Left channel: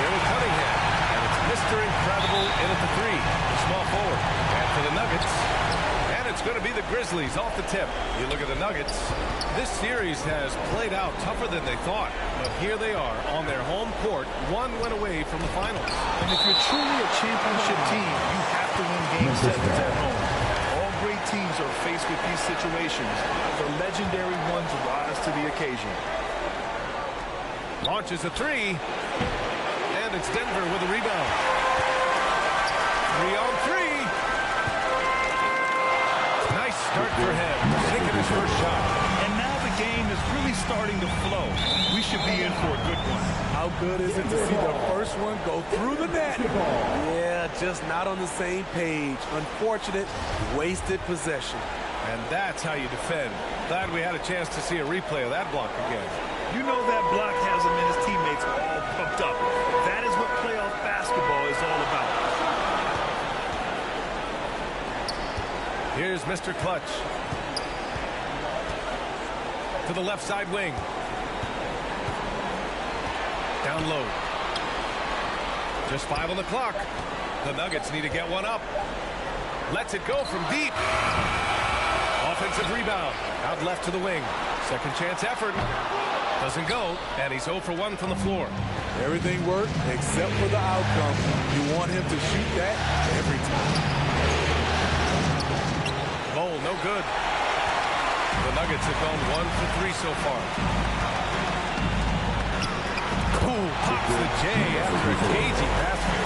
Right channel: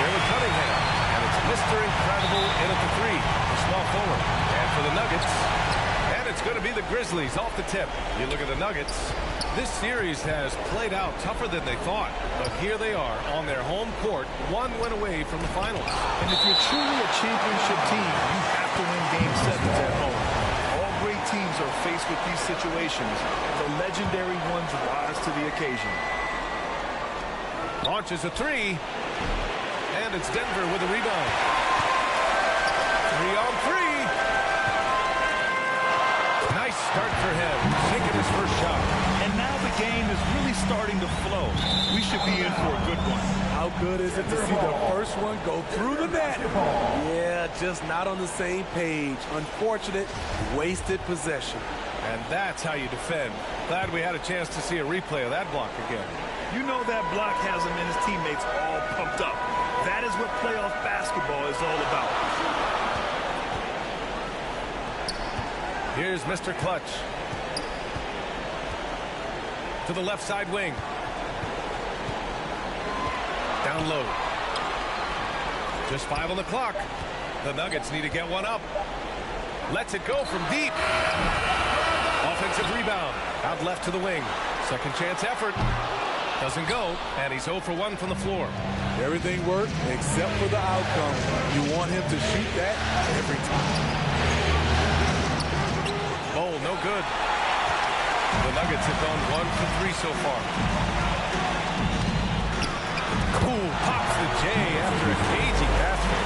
Here with Cunningham. And it's Mr. Incredible in at the 3, the small forward. And for the Nuggets, and it's going to be the Grizzlies off the tip. You look at the Nuggets. This series has played out tougher than they thought, but here they are on their home court, 1 win away from the finals. And if you're truly a championship team, you have to win Game 7s at home. All great teams are faced with these situations. The legendary ones rise to the occasion. Launches a 3, and it's Denver with a rebound. 3 on 3. Nice start for him, sinking his first shot. And now the game is really starting to flow. We should be in for a good one. How good is it to see the first one go through the net? Yeah, just not on the same page. Unfortunate, wasted possession. And that's how you defend. Glad we had a chance to see a replay of that block again. You know that block has him and his teammates all pumped up. That is what playoff basketball is all about. Here's Mr. Clutch. To the left side wing. Down low. Just 5 on the clock. The Nuggets need to get one up. Lets it go from deep. Offensive rebound. Out left to the wing. Second chance effort. Doesn't go. And he's 0 for 1 from the floor. Everything worked except for the outcome. You want him to shoot that every time. Bowl, no good. The Nuggets have gone 1 for 3 so far. Cool, pops the J after a cagey basket.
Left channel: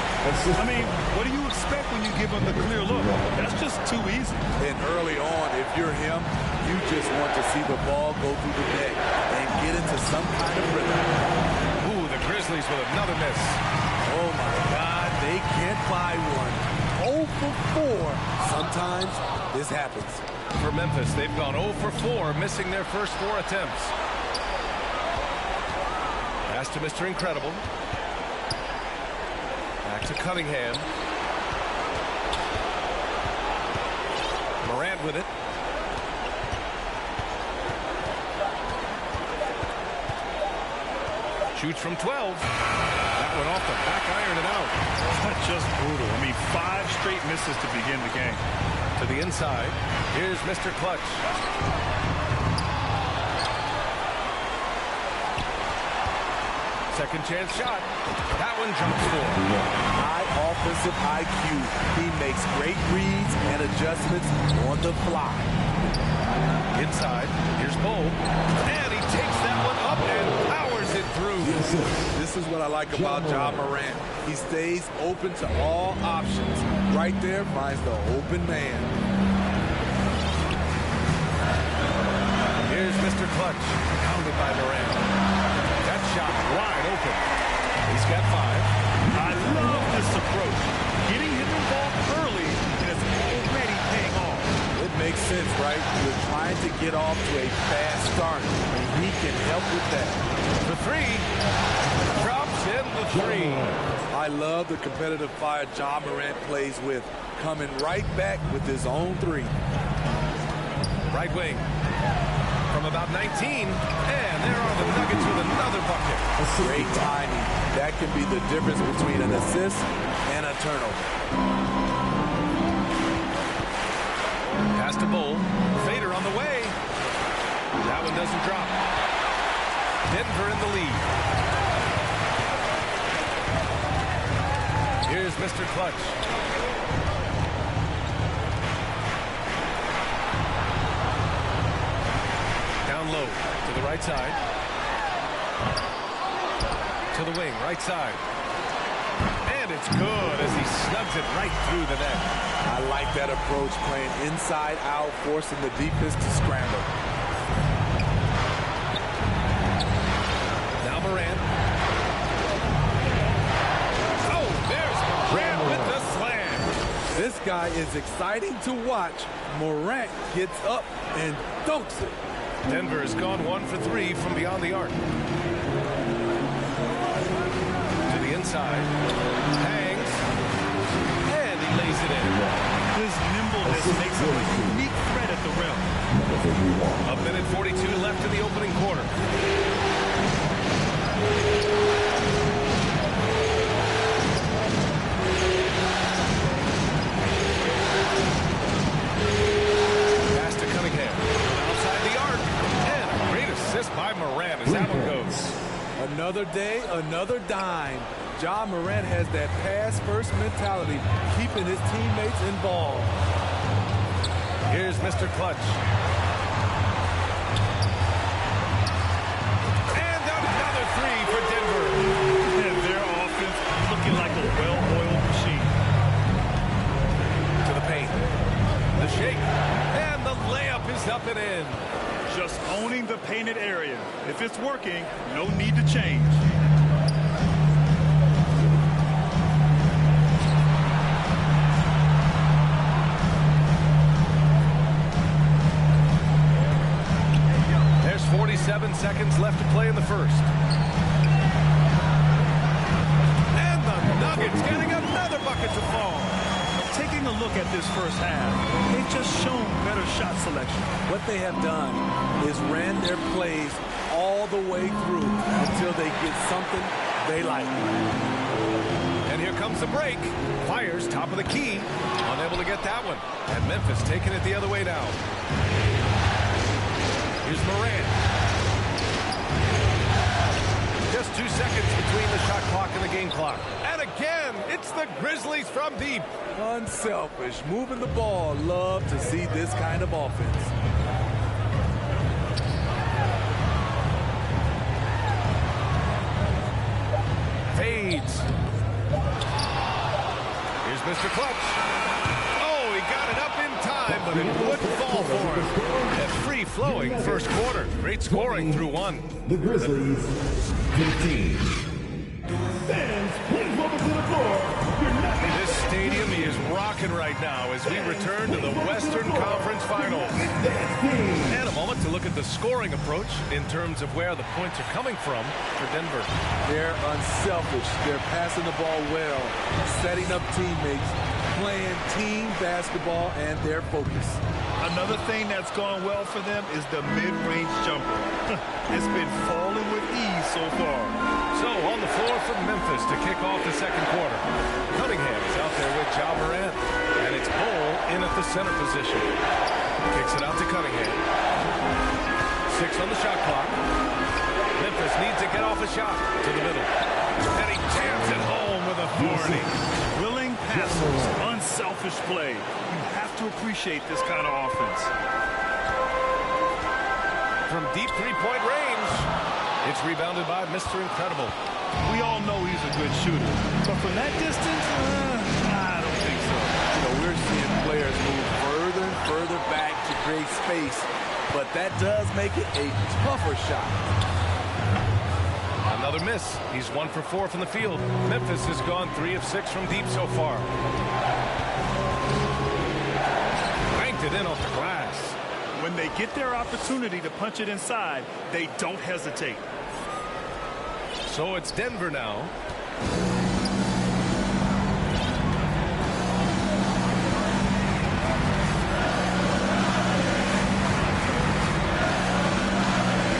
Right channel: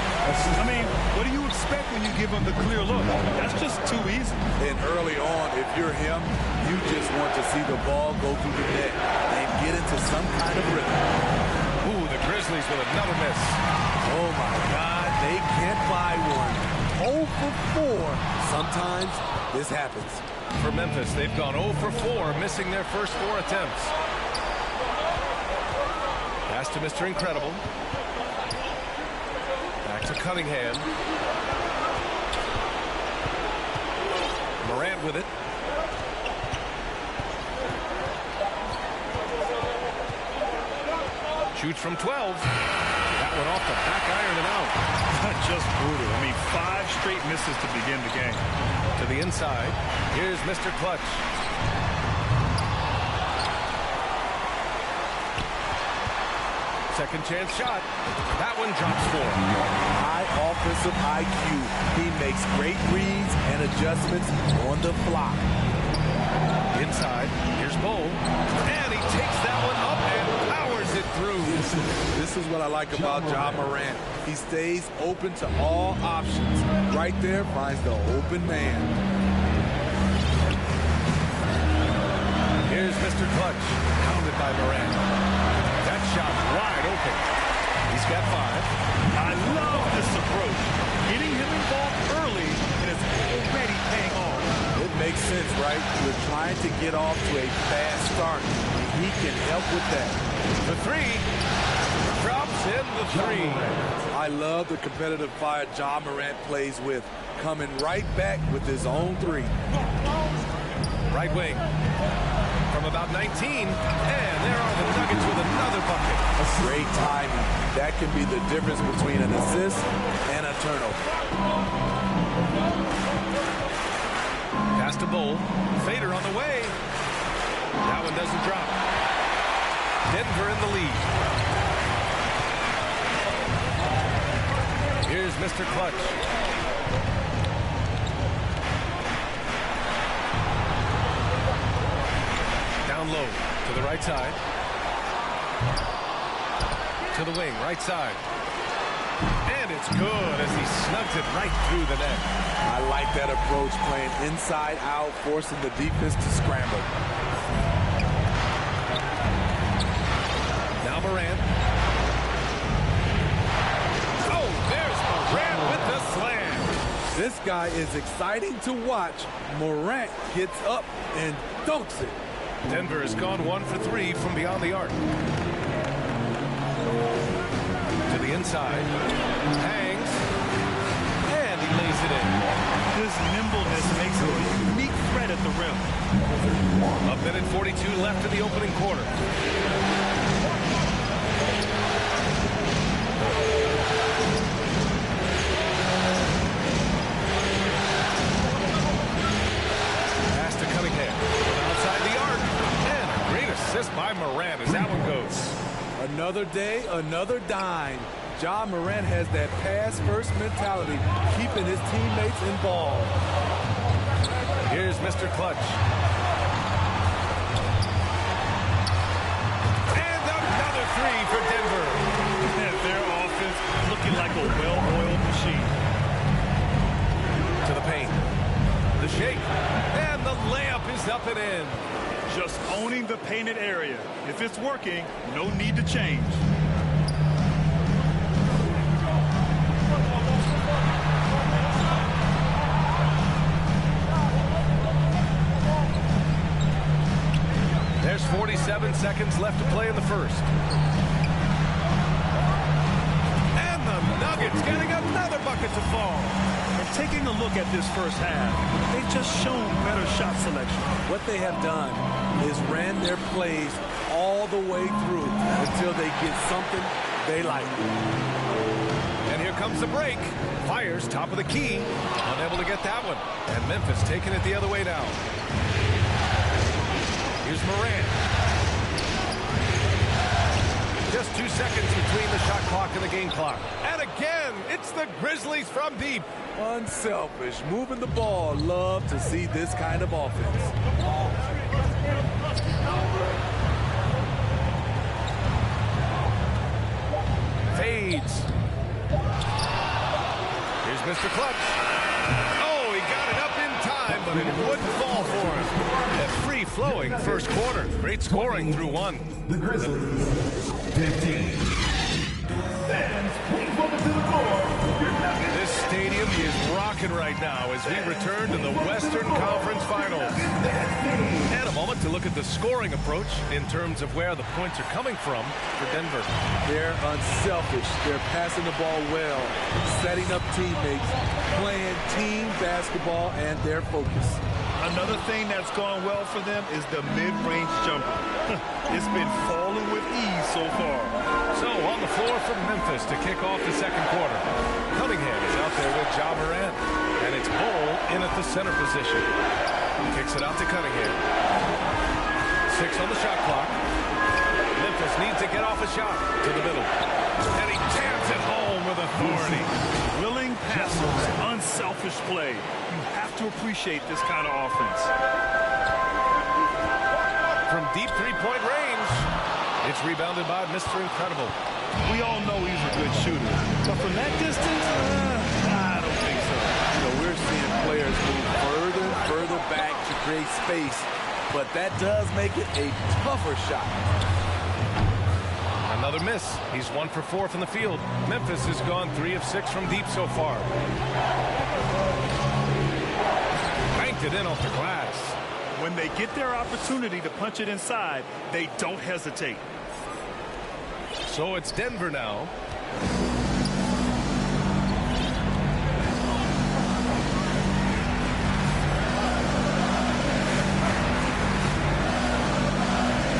I mean, what do you expect when you give him the clear look? That's just too easy. And early on, if you're him, you just want to see the ball go through the net and get into some kind of rhythm. Ooh, the Grizzlies with another miss. Oh, my God, they can't buy one. 0 for 4. Sometimes this happens. For Memphis, they've gone 0 for 4, missing their first 4 attempts. Pass to Mr. Incredible. Back to Cunningham. Morant with it. Shoots from 12. That one off the back iron and out. Just brutal. I mean, 5 straight misses to begin the game. To the inside. Here's Mr. Clutch. Second chance shot. That one drops for him. High offensive IQ. He makes great reads and adjustments on the fly. Inside. Here's Bowl. And he takes that one up and powers it through. This is what I like about Ja Morant. He stays open to all options. Right there finds the open man. Here's Mr. Clutch. Pounded by Morant. That shot wide open. He's got 5. I love this approach. Getting him involved early and it's already paying off. It makes sense, right? You're trying to get off to a fast start, and he can help with that. The 3. Drops in the 3. I love the competitive fire Ja Morant plays with, coming right back with his own 3. Right wing. From about 19, and there are the Nuggets with another bucket. Great timing. That can be the difference between an assist and a turnover. Pass to Bowl. Fader on the way. That one doesn't drop. Denver in the lead. Here's Mr. Clutch. Down low to the right side. To the wing, right side. And it's good as he snugs it right through the net. I like that approach, playing inside out, forcing the defense to scramble. Now Morant. Oh, there's Morant with the slam. This guy is exciting to watch. Morant gets up and dunks it. Denver has gone 1 for 3 from beyond the arc. To the inside. Hangs. And he lays it in. His nimbleness makes him a unique threat at the rim. 1:42 left in the opening quarter. Another day, another dime. Ja Morant has that pass-first mentality, keeping his teammates involved. Here's Mr. Clutch. And another three for Denver. And their offense looking like a well-oiled machine. To the paint. The shake. And the layup is up and in. Just owning the painted area. If it's working, no need to change. There's 47 seconds left to play in the first. And the Nuggets getting another bucket to fall. And taking a look at this first half, they've just shown better shot selection. What they have done is ran their plays all the way through until they get something they like. And here comes the break. Fires top of the key. Unable to get that one. And Memphis taking it the other way now. Here's Morant. Just 2 seconds between the shot clock and the game clock. And again, it's the Grizzlies from deep. Unselfish, moving the ball. Love to see this kind of offense. Fades. Here's Mr. Clutch. Oh, he got it up in time, but it wouldn't fall for him. A free-flowing first quarter. Great scoring through one. The Grizzlies, 15. Fans, please welcome to the floor. This stadium is rocking right now as we return to the Western Conference Finals. And a moment to look at the scoring approach in terms of where the points are coming from for Denver. They're unselfish. They're passing the ball well, setting up teammates, playing team basketball, and their focus. Another thing that's gone well for them is the mid-range jumper. It's been falling with ease so far. So on the floor for Memphis to kick off the second quarter. Cunningham is out there with Ja Morant. And it's Bull in at the center position. Kicks it out to Cunningham. 6 on the shot clock. Memphis needs to get off a shot to the middle. And he jams it home with authority. Willing passers, unselfish play. You have to appreciate this kind of offense. From deep three-point range, it's rebounded by Mr. Incredible. We all know he's a good shooter, but from that distance, I don't think so. You know, we're seeing players move further and further back to create space, but that does make it a tougher shot. Another miss. He's 1 for 4 from the field. Memphis has gone 3 of 6 from deep so far. Banked it in off the glass. When they get their opportunity to punch it inside, they don't hesitate. So it's Denver now.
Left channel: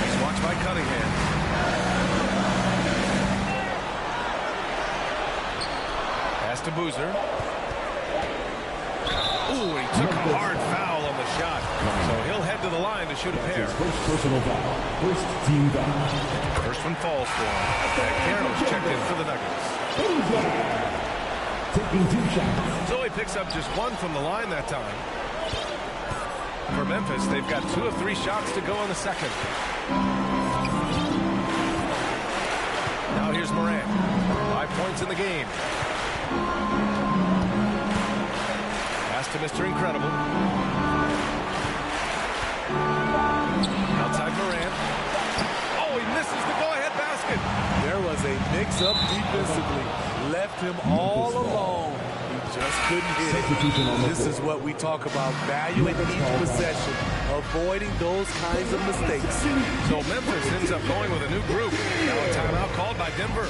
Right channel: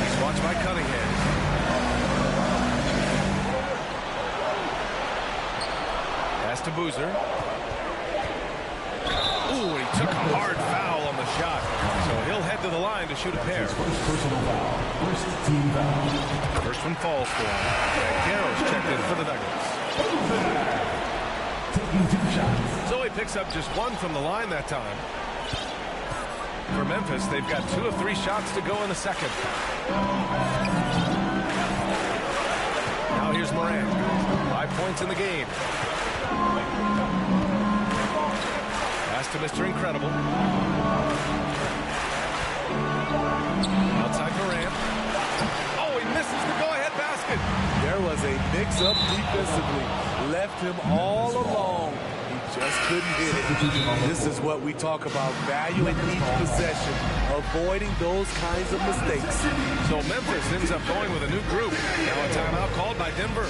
He's watched by Cunningham. Pass to Boozer. Ooh, he took a hard foul on the shot. So he'll head to the line to shoot a pair. First personal foul. First team foul. First one falls for him. And Garrow's checked in for the Nuggets. Taking 2 shots. So he picks up just 1 from the line that time. For Memphis, they've got 2 of 3 shots to go in the second. Now here's Morant. 5 points in the game. Pass to Mr. Incredible. Outside Morant. Oh, he misses the go-ahead basket. There was a mix-up defensively. Left him all alone. He just couldn't hit it. This is what we talk about, valuing each possession, avoiding those kinds of mistakes. So Memphis ends up going with a new group. Now a timeout called by Denver.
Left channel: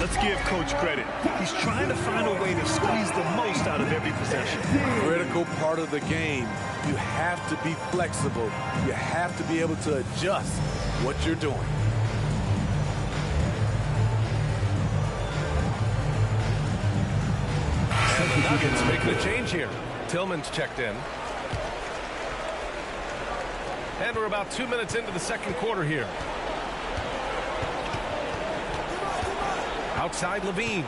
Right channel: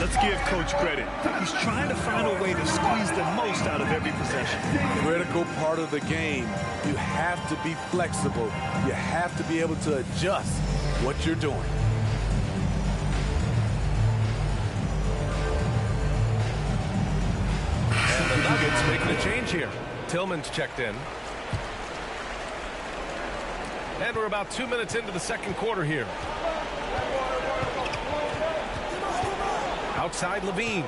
Let's give Coach credit. He's trying to find a way to squeeze the most out of every possession. Critical part of the game. You have to be flexible. You have to be able to adjust what you're doing. And the Nuggets making a change here. Tillman's checked in. And we're about 2 minutes into the second quarter here. Outside Levine.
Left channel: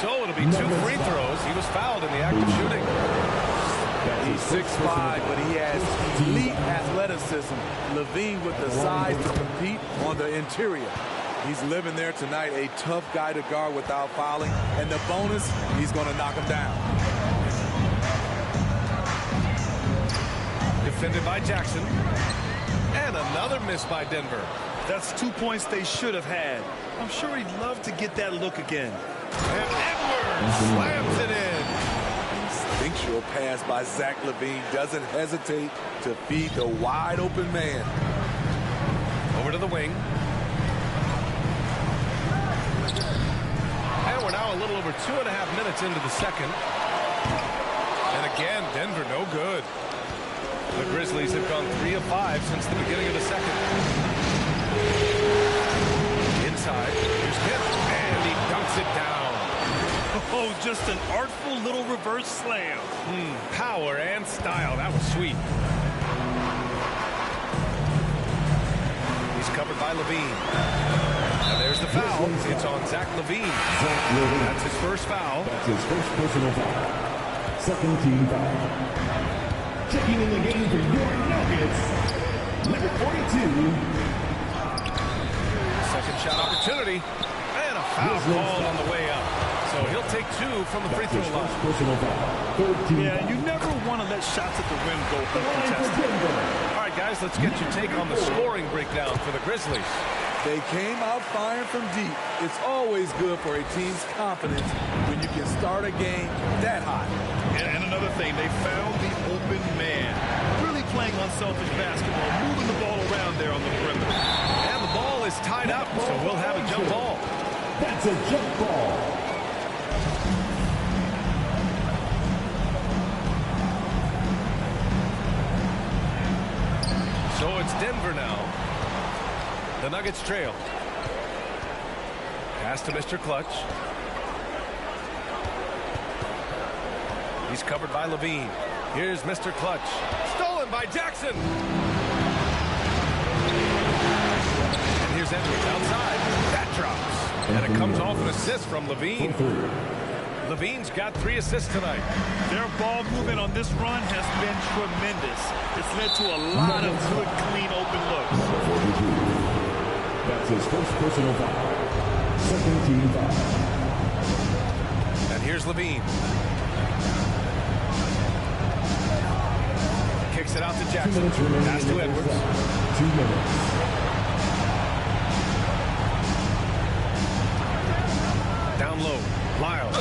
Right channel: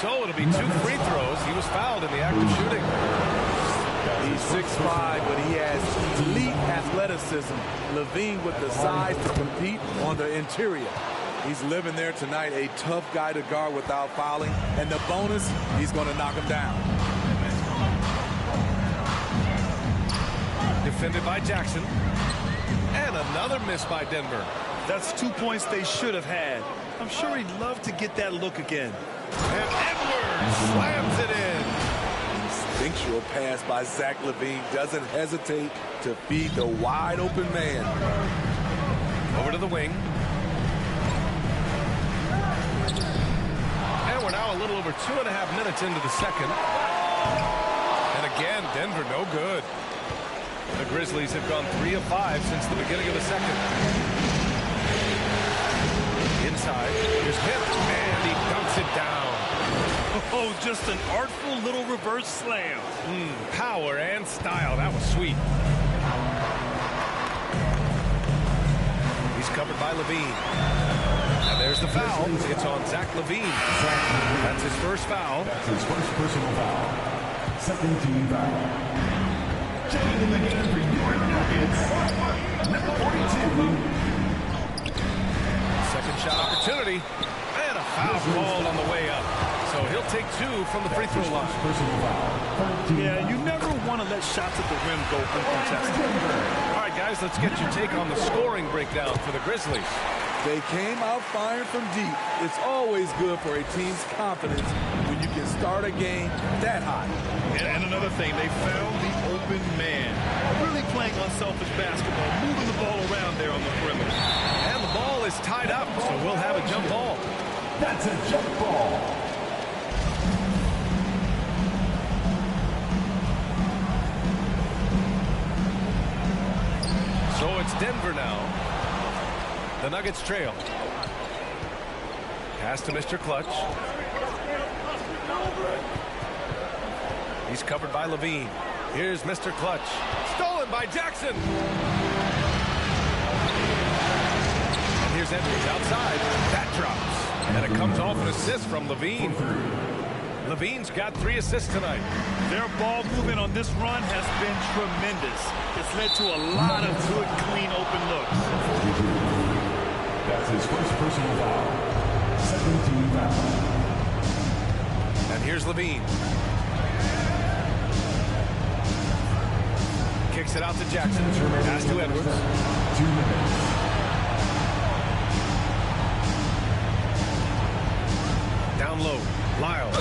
So it'll be 2 free throws. He was fouled in the act of shooting. He's 6'5", but he has elite athleticism. Levine with the size to compete on the interior. He's living there tonight, a tough guy to guard without fouling. And the bonus, he's going to knock him down. Defended by Jackson. And another miss by Denver. That's 2 points they should have had. I'm sure he'd love to get that look again. And Edwards slams it in. Instinctual pass by Zach LaVine doesn't hesitate to feed the wide open man. Over to the wing. And we're now a little over 2.5 minutes into the second. And again, Denver no good. The Grizzlies have gone 3 of 5 since the beginning of the second. Inside, here's Kemp, and he dunks it down. Oh, just an artful little reverse slam. Power and style. That was sweet. He's covered by Levine. And there's the foul. It's on Zach LaVine. That's his first foul. That's his first personal foul. Second team foul. Checking in the game for your Nuggets, number 42. Second shot opportunity. And a foul called on the way up. So he'll take 2 from the free throw line. Personal foul. Third team. Yeah, you never want to let shots at the rim go uncontested. All right, guys, let's get your take on the scoring breakdown for the Grizzlies. They came out firing from deep. It's always good for a team's confidence when you can start a game that hot. And another thing, they found the open man. Really playing unselfish basketball, moving the ball around there on the perimeter. And the ball is tied up, so we'll have a jump ball. That's a jump ball. So it's Denver now. The Nuggets trail. Pass to Mr. Clutch. He's covered by Levine. Here's Mr. Clutch. Stolen by Jackson. And here's Edwards outside. That drops. And it comes off an assist from Levine. Levine's got 3 assists tonight. Their ball movement on this run has been tremendous. It's led to a lot of good, clean, open looks. 42. That's his first personal foul. Second team foul. And here's Levine. Kicks it out to Jackson. Pass to Edwards. 2 minutes. Down low. Lyles.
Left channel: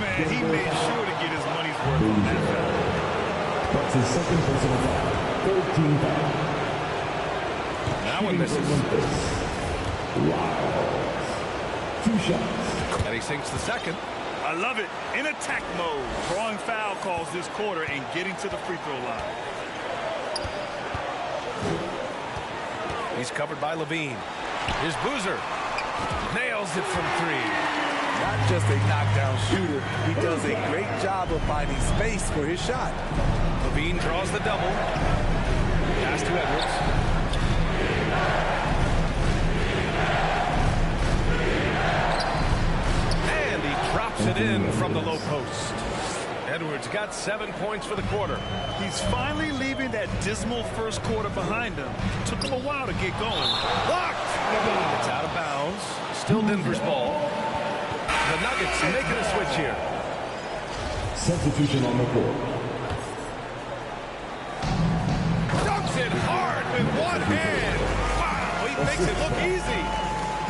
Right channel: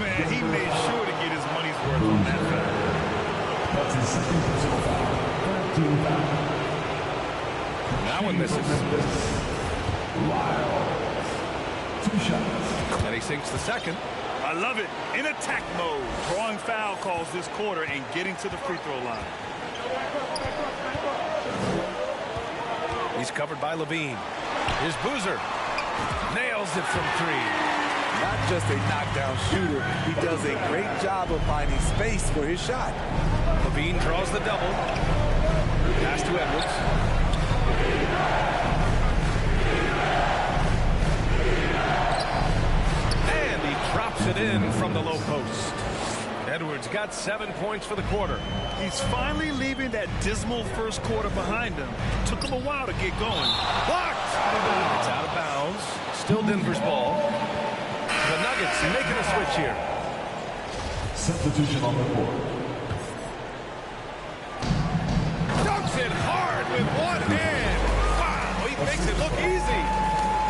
Man, he made sure to get his money's worth on that foul. That's his second personal foul. Third team foul. That one misses. Lyles. 2 shots. And he sinks the second. I love it. In attack mode. Drawing foul calls this quarter and getting to the free throw line. He's covered by Levine. Here's Boozer. Nails it from 3. Not just a knockdown shooter, he does a great job of finding space for his shot. Levine draws the double. Pass to Edwards. And he drops it in from the low post. Edwards got 7 points for the quarter. He's finally leaving that dismal first quarter behind him. Took him a while to get going. Blocked! It's out of bounds. Still Denver's ball. The Nuggets making a switch here. Substitution on the court. Dunks it hard with one hand. Wow, he makes it look easy.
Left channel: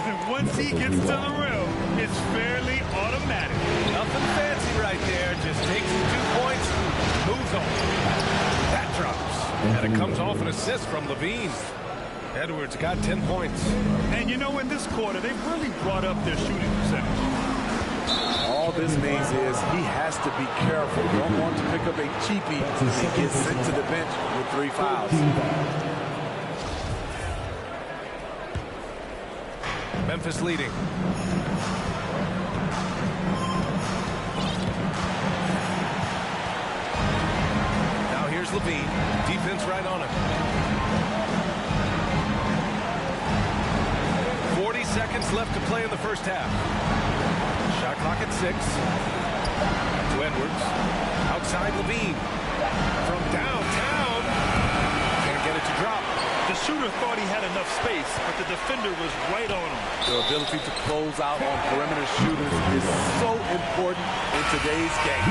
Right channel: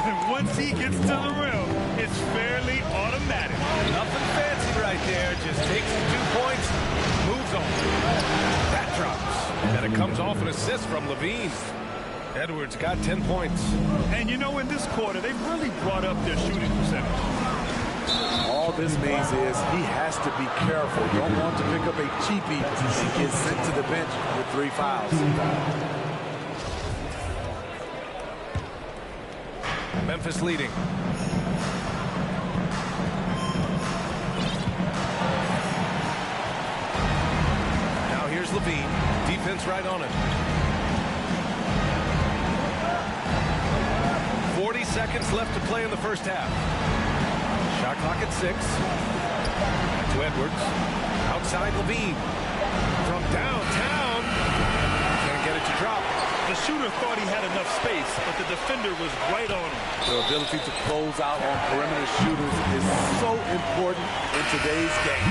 And once he gets to the rim, it's fairly automatic. Nothing fancy right there. Just takes the 2 points, moves on. That drops. And it comes off an assist from Levine. Edwards got 10 points. And you know, in this quarter, they've really brought up their shooting percentage. All this means is he has to be careful. Don't want to pick up a cheapie and get sent to the bench with 3 fouls. Memphis leading. Now here's Levine. Defense right on him. 40 seconds left to play in the first half. Shot clock at 6. Back to Edwards. Outside Levine. From downtown. Can't get it to drop. The shooter thought he had enough space, but the defender was right on him. The ability to close out on perimeter shooters is so important in today's game.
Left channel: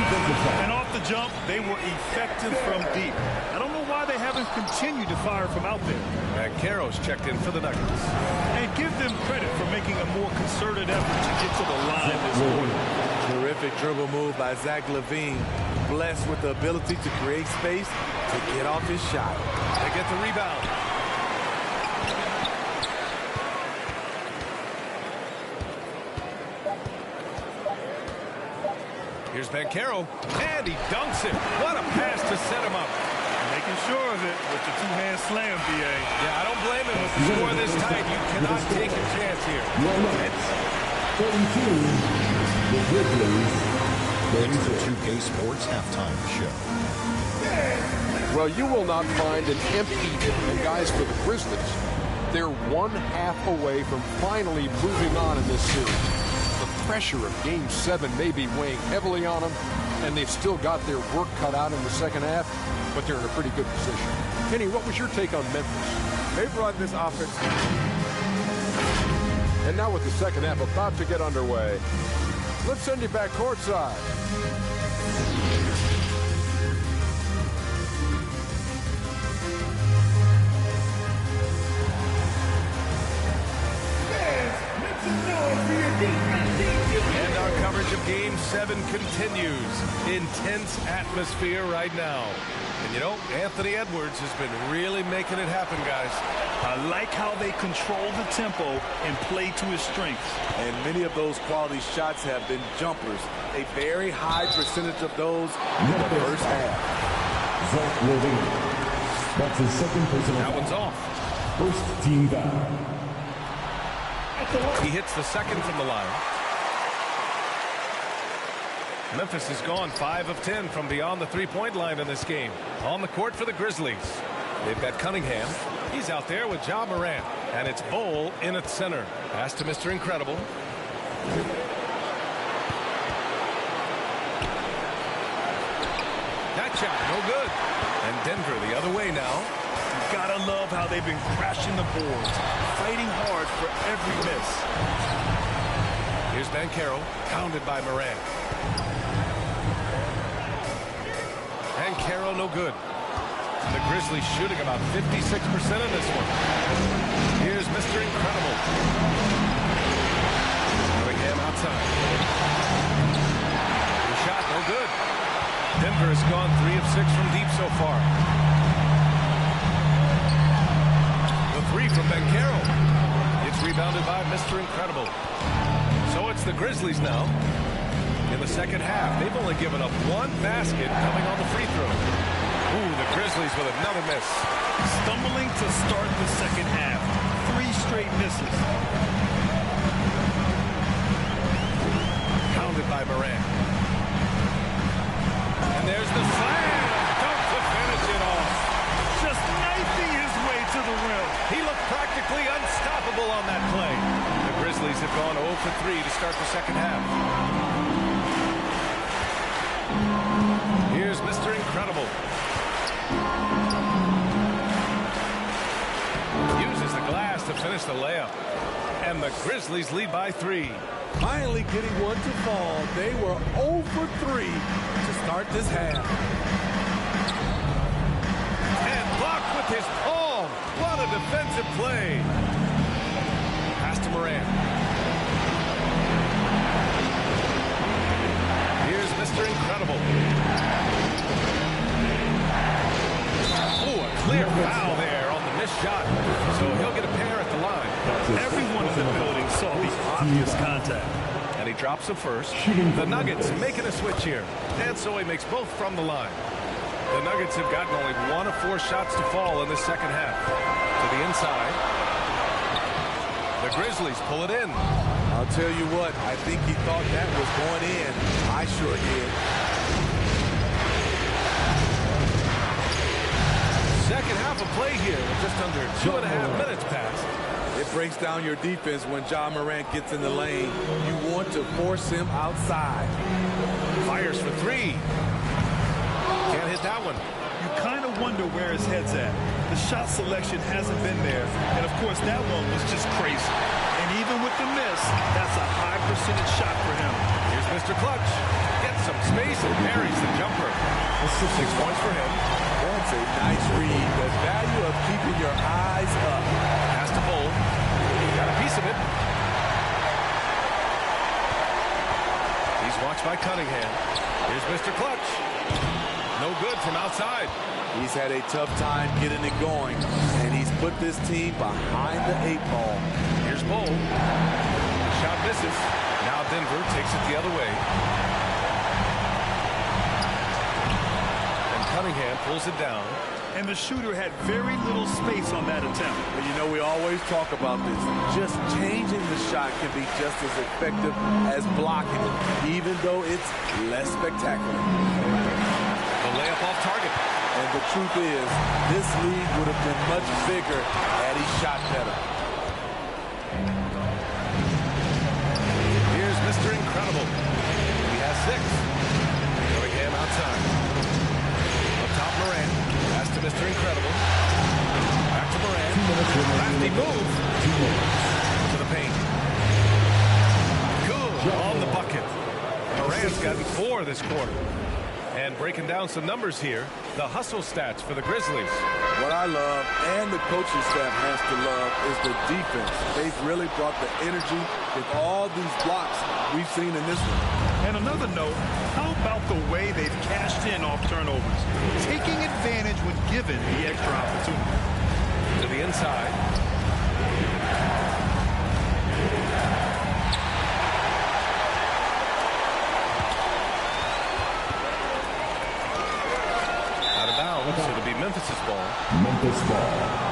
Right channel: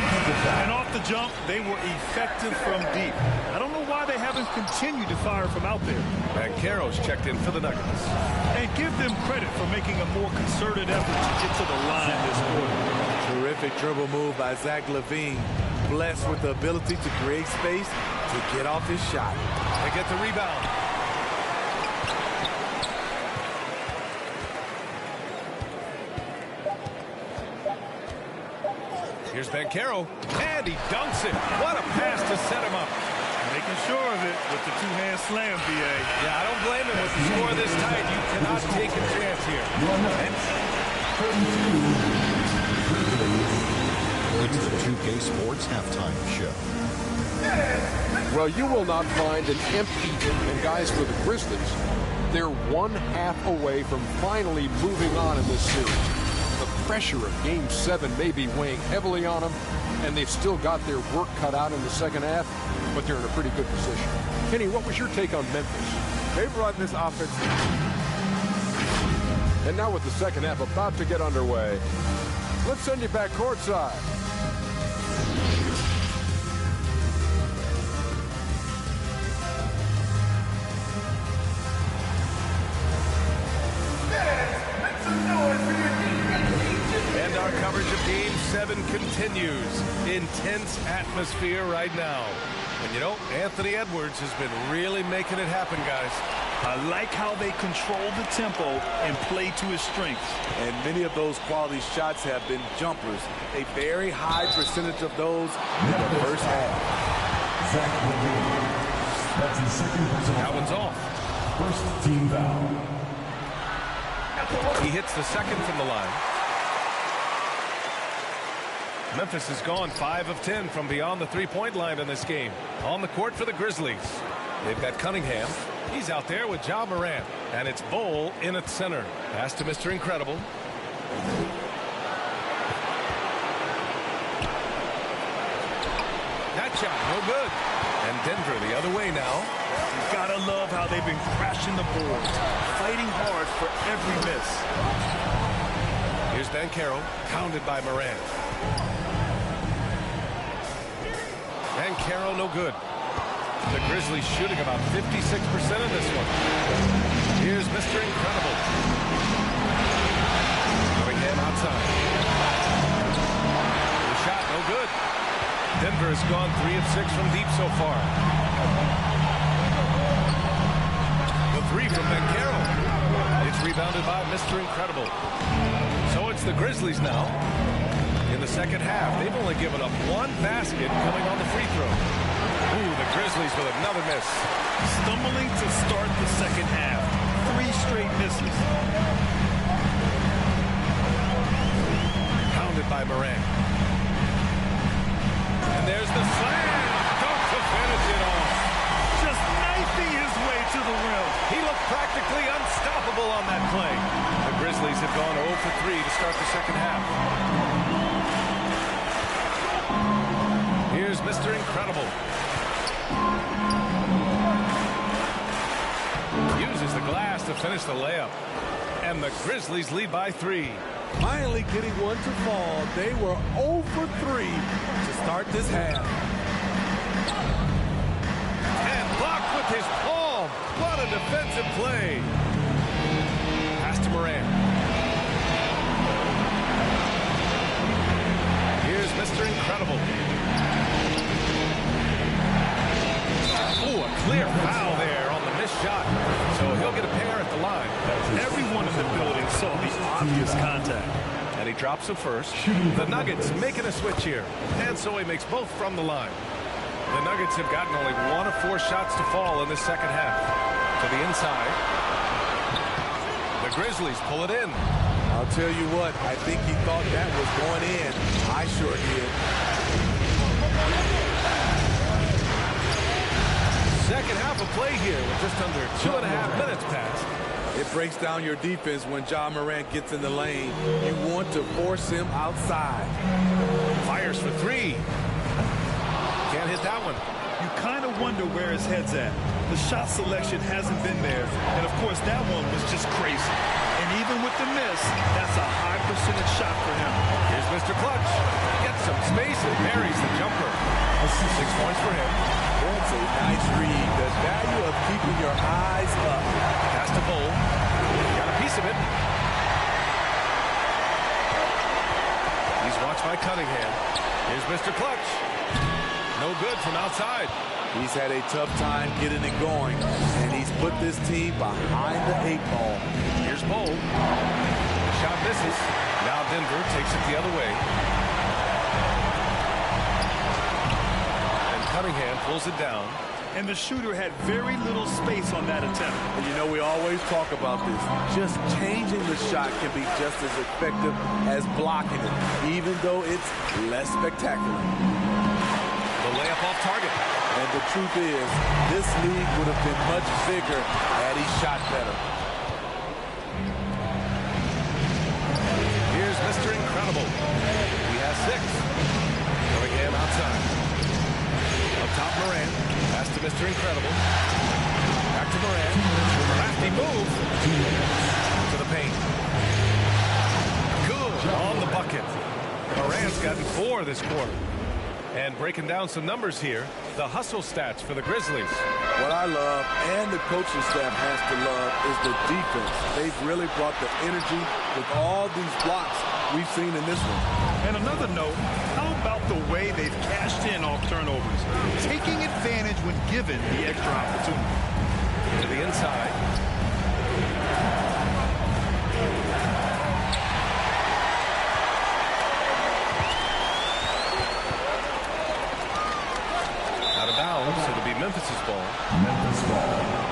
And off the jump, they were effective from deep. I don't know why they haven't continued to fire from out there. Banchero's checked in for the Nuggets. And give them credit for making a more concerted effort to get to the line this quarter. Terrific dribble move by Zach LaVine. Blessed with the ability to create space to get off his shot. They get the rebound. Here's Banchero, and he dunks it. What a pass to set him up. Making sure of it with the two-hand slam, B.A. Yeah, I don't blame him with the score this tight. You cannot take a chance here. 32, the Grizzlies. It's the 2K Sports Halftime Show. Well, you will not find an empty, and guys, for the Grizzlies, they're 1/2 away from finally moving on in this series. The pressure of Game 7 may be weighing heavily on them, and they've still got their work cut out in the second half, but they're in a pretty good position. Kenny, what was your take on Memphis? They've run this offense. And now with the second half about to get underway, let's send you back courtside. And our coverage of Game 7 continues. Intense atmosphere right now. And you know, Anthony Edwards has been really making it happen, guys. I like how they control the tempo and play to his strengths. And many of those quality shots have been jumpers. A very high percentage of those in the first half. Zach LaVine. That's his second personal. That one's off. First team foul. He hits the second from the line. Memphis has gone 5 of 10 from beyond the three-point line in this game. On the court for the Grizzlies. They've got Cunningham. He's out there with Ja Morant. And it's Bol in at center. Pass to Mr. Incredible. That shot, no good. And Denver the other way now. You gotta love how they've been crashing the boards, fighting hard for every miss. Here's Banchero, pounded by Morant. Banchero no good. The Grizzlies shooting about 56% of this one. Here's Mr. Incredible. Cunningham outside. The shot no good. Denver has gone 3 of 6 from deep so far. The 3 from Banchero. It's rebounded by Mr. Incredible. So it's the Grizzlies now. In the second half, they've only given up 1 basket coming on the free throw. Ooh, the Grizzlies with another miss. Stumbling to start the second half. 3 straight misses. Pounded by Morant. And there's the slam. Dunk to finish it off. Just knifing his way to the rim. He looked practically unstoppable on that play. The Grizzlies have gone 0 for 3 to start the second half. Here's Mr. Incredible. Uses the glass to finish the layup. And the Grizzlies lead by 3. Finally getting one to fall. They were 0 for 3 to start this half. And blocked with his palm. What a defensive play. Pass to Morant. Here's Mr. Incredible. Oh, a clear foul there on the missed shot. So he'll get a pair at the line. Everyone in the building saw the obvious contact. And he drops the first. The Nuggets making a switch here. And so he makes both from the line. The Nuggets have gotten only 1 of 4 shots to fall in the second half. To the inside. The Grizzlies pull it in. I'll tell you what, I think he thought that was going in. I sure did. Second half of play here with just under 2.5 minutes passed. It breaks down your defense when Ja Morant gets in the lane. You want to force him outside. Fires for three. Can't hit that one. You kind of wonder where his head's at. The shot selection hasn't been there. And, of course, that one was just crazy. And even with the miss, that's a high percentage shot for him. Here's Mr. Clutch. Gets some space and buries the jumper. 6 points for him. That's a nice read. The value of keeping your eyes up. Pass to Bull. Got a piece of it. He's watched by Cunningham. Here's Mr. Clutch. No good from outside. He's had a tough time getting it going, and he's put this team behind the 8 ball. Here's Bull. The shot misses. Now Denver takes it the other way. And Cunningham pulls it down. And the shooter had very little space on that attempt. And you know, we always talk about this. Just changing the shot can be just as effective as blocking it, even though it's less spectacular. The layup off target. And the truth is, this league would have been much bigger had he shot better. Here's Mr. Incredible. He has 6. Cunningham outside. Up top, Morant. Pass to Mr. Incredible. Back to Morant. Crafty move. To the paint. Good on the bucket. Morant's gotten 4 this quarter. And breaking down some numbers here, the hustle stats for the Grizzlies. What I love, and the coaching staff has to love, is the defense. They've really brought the energy with all these blocks we've seen in this one. And another note, how about the way they've cashed in off turnovers? Taking advantage when given the extra opportunity. To the inside. Out of bounds, it'll be Memphis's ball. Memphis ball.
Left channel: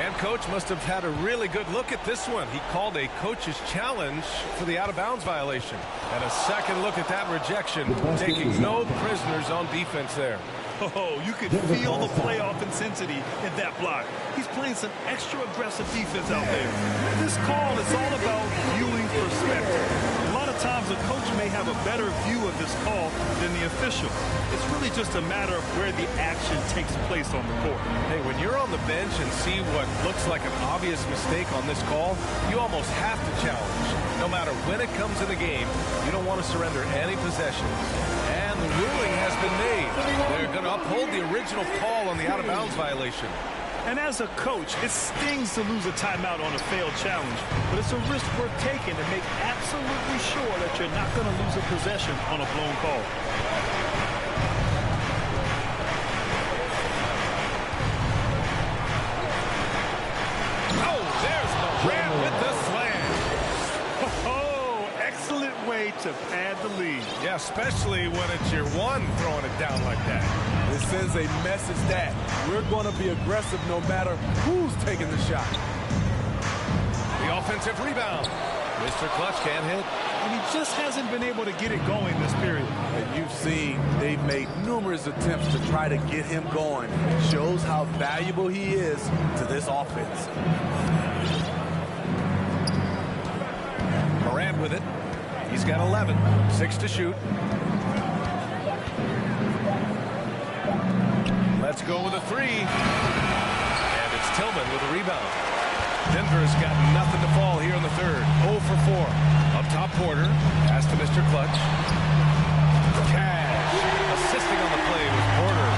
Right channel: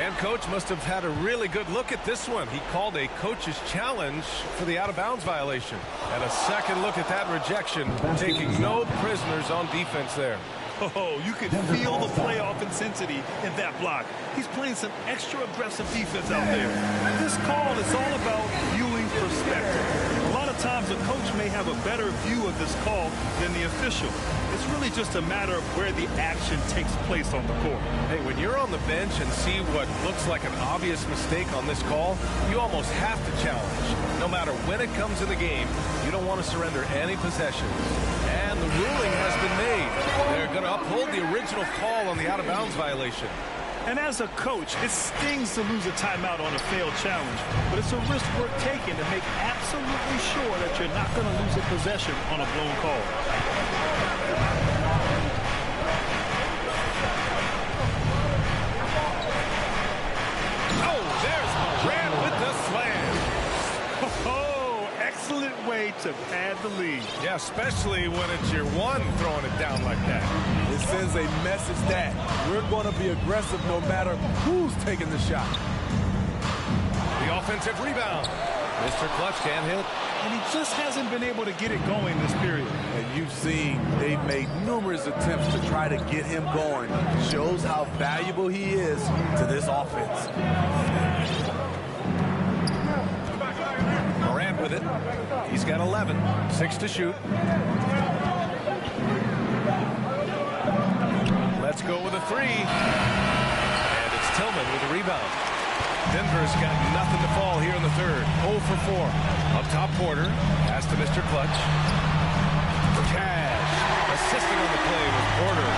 And coach must have had a really good look at this one. He called a coach's challenge for the out-of-bounds violation. And a second look at that rejection, taking no prisoners on defense there. Oh, you could feel the playoff intensity in that block. He's playing some extra aggressive defense out there. This call is all about viewing perspective. A lot of times a coach may have a better view of this call than the official. It's really just a matter of where the action takes place on the court. Hey, when you're on the bench and see what looks like an obvious mistake on this call, you almost have to challenge. No matter when it comes in the game, you don't want to surrender any possessions. And the ruling has been made. They're going to uphold the original call on the out-of-bounds violation. And as a coach, it stings to lose a timeout on a failed challenge, but it's a risk worth taking to make absolutely sure that you're not going to lose a possession on a blown call. Oh, there's Morant with the slam. Oh, excellent way to pad the lead. Yeah, especially when it's your one throwing it down like that. It sends a message that we're going to be aggressive no matter who's taking the shot. The offensive rebound. Mr. Clutch can't hit. And he just hasn't been able to get it going this period. And you've seen they've made numerous attempts to try to get him going. Shows how valuable he is to this offense. Morant with it. He's got 11. 6 to shoot. Let's go with a 3. And it's Tillman with a rebound. Denver's got nothing to fall here in the third. 0 for 4. Up top, Porter. Pass to Mr. Clutch. Cash. Assisting on the play was Porter.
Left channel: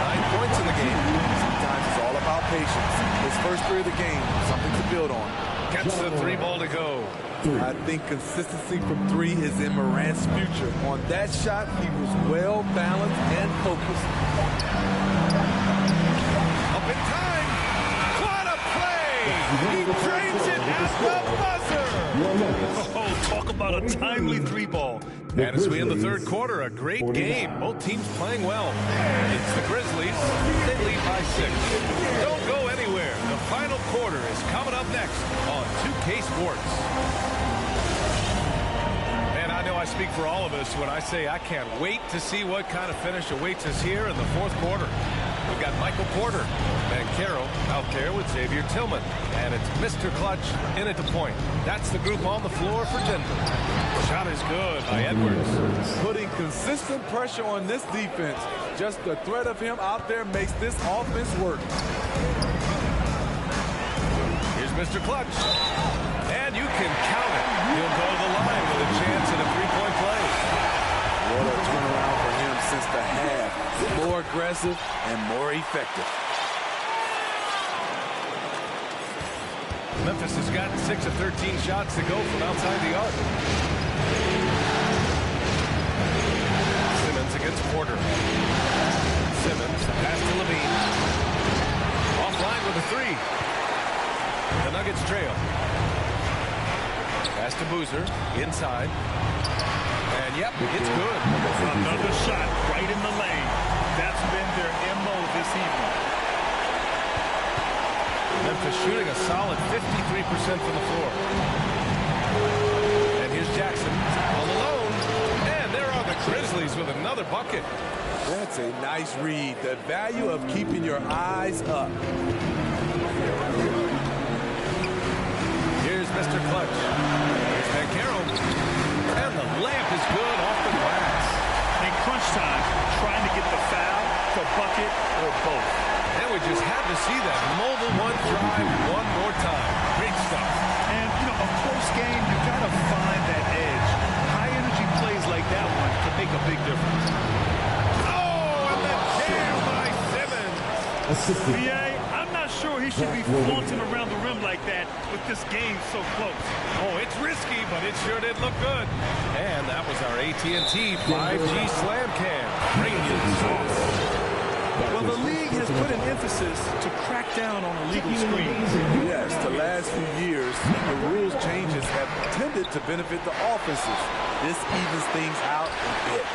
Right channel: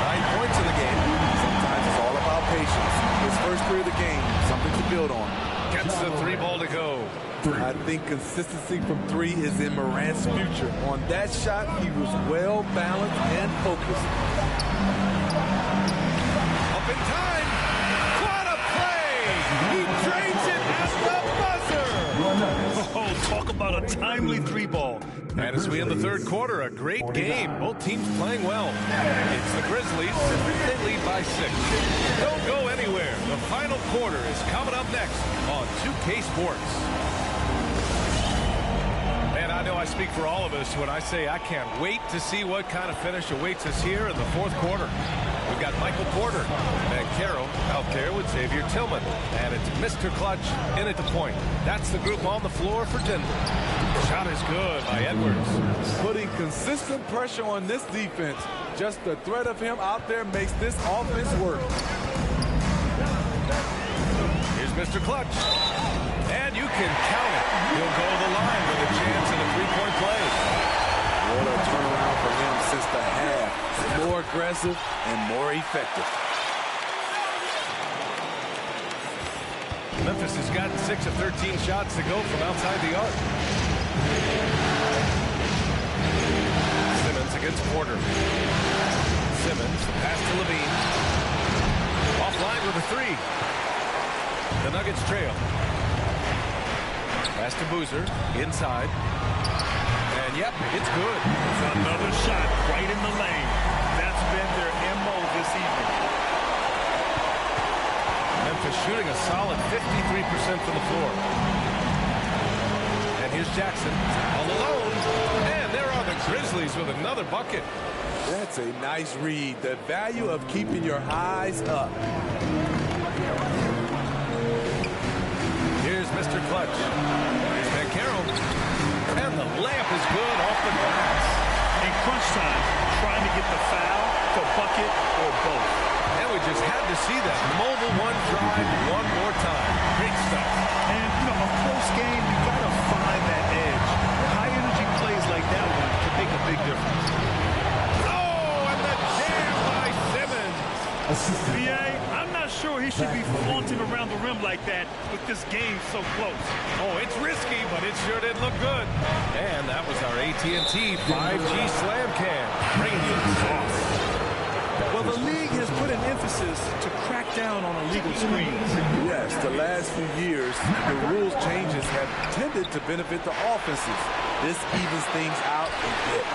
9 points in the game. Sometimes it's all about patience. His first 3 of the game, something to build on. Gets the 3 ball to go. I think consistency from 3 is in Morant's future. On that shot, he was well balanced and focused. Up in time. What a play! He drains it at the buzzer. Oh, talk about a timely 3 ball. And as we end the third quarter, a great game. Both teams playing well. It's the Grizzlies. They lead by 6. Don't go anywhere. The final quarter is coming up next on 2K Sports. And I know I speak for all of us when I say I can't wait to see what kind of finish awaits us here in the fourth quarter. We've got Michael Porter and Carroll out there with Xavier Tillman. And it's Mr. Clutch in at the point. That's the group on the floor for Denver. Shot is good by Edwards. Putting consistent pressure on this defense. Just the threat of him out there makes this offense work. Here's Mr. Clutch. And you can count it. He'll go to the line with a chance at a three-point play. What a turnaround for him since the half. More aggressive and more effective. Memphis has got 6 of 13 shots to go from outside the arc. Simmons against Porter. Simmons, the pass to Levine. Offline with a three. The Nuggets trail. Pass to Boozer, inside. And yep, it's good. Another shot right in the lane. That's been their MO this evening. Memphis shooting a solid 53% from the floor. And here's Jackson all alone. And there are the Grizzlies with another bucket. That's a nice read. The value of keeping your eyes up. Here's Mr. Clutch. Here's Banchero. And the layup is good off the glass. In crunch time, trying to get the foul, the bucket, or both. And we just had to see that mobile one drive one more time. Great stuff. And, you know, a close game, you got to find that edge. High-energy plays like that one can make a big difference. Oh, and the jam by Simmons. BA, I'm not sure he should be flaunting around the rim like that with this game so close. Oh, it's risky, but it sure did look good. And that was our AT&T 5G Slam Cam, bringing you the sauce. Well, the league has put an emphasis to crack down on illegal screens. Yes, the last few years, the rules changes have tended to benefit the offenses. This evens things out a bit.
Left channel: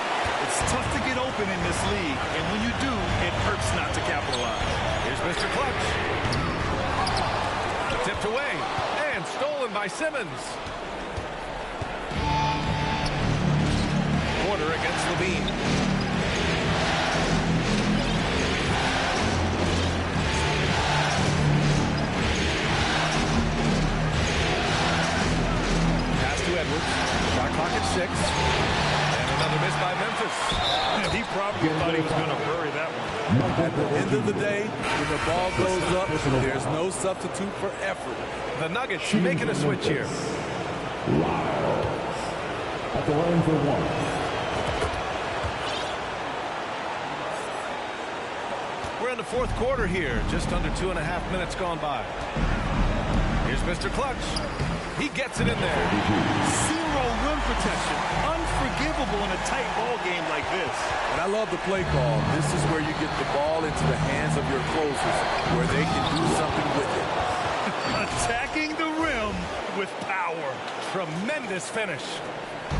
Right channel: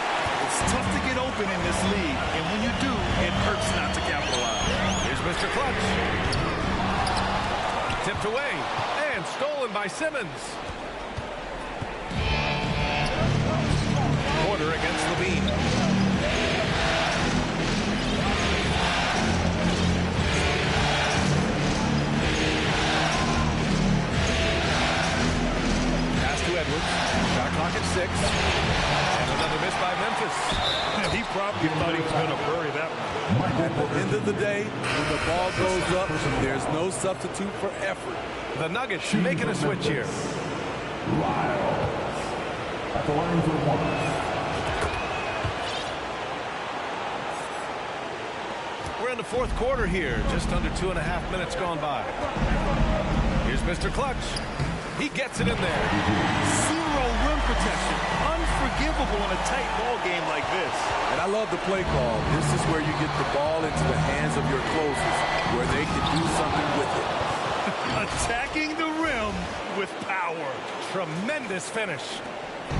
It's tough to get open in this league, and when you do, it hurts not to capitalize. Here's Mr. Clutch. Tipped away and stolen by Simmons. Porter against Levine. Pass to Edwards. Shot clock at 6. And another miss by Memphis. He probably thought he was going to bury that one. At the end of the day, when the ball goes up, there's no substitute for effort. The Nuggets making a switch here. Lyles at the line for one. We're in the fourth quarter here. Just under 2.5 minutes gone by. Here's Mr. Clutch. He gets it in there. Zero rim protection. Unforgivable in a tight ball game like this. And I love the play call. This is where you get the ball into the hands of your closers, where they can do something with it. Attacking the rim with power. Tremendous finish.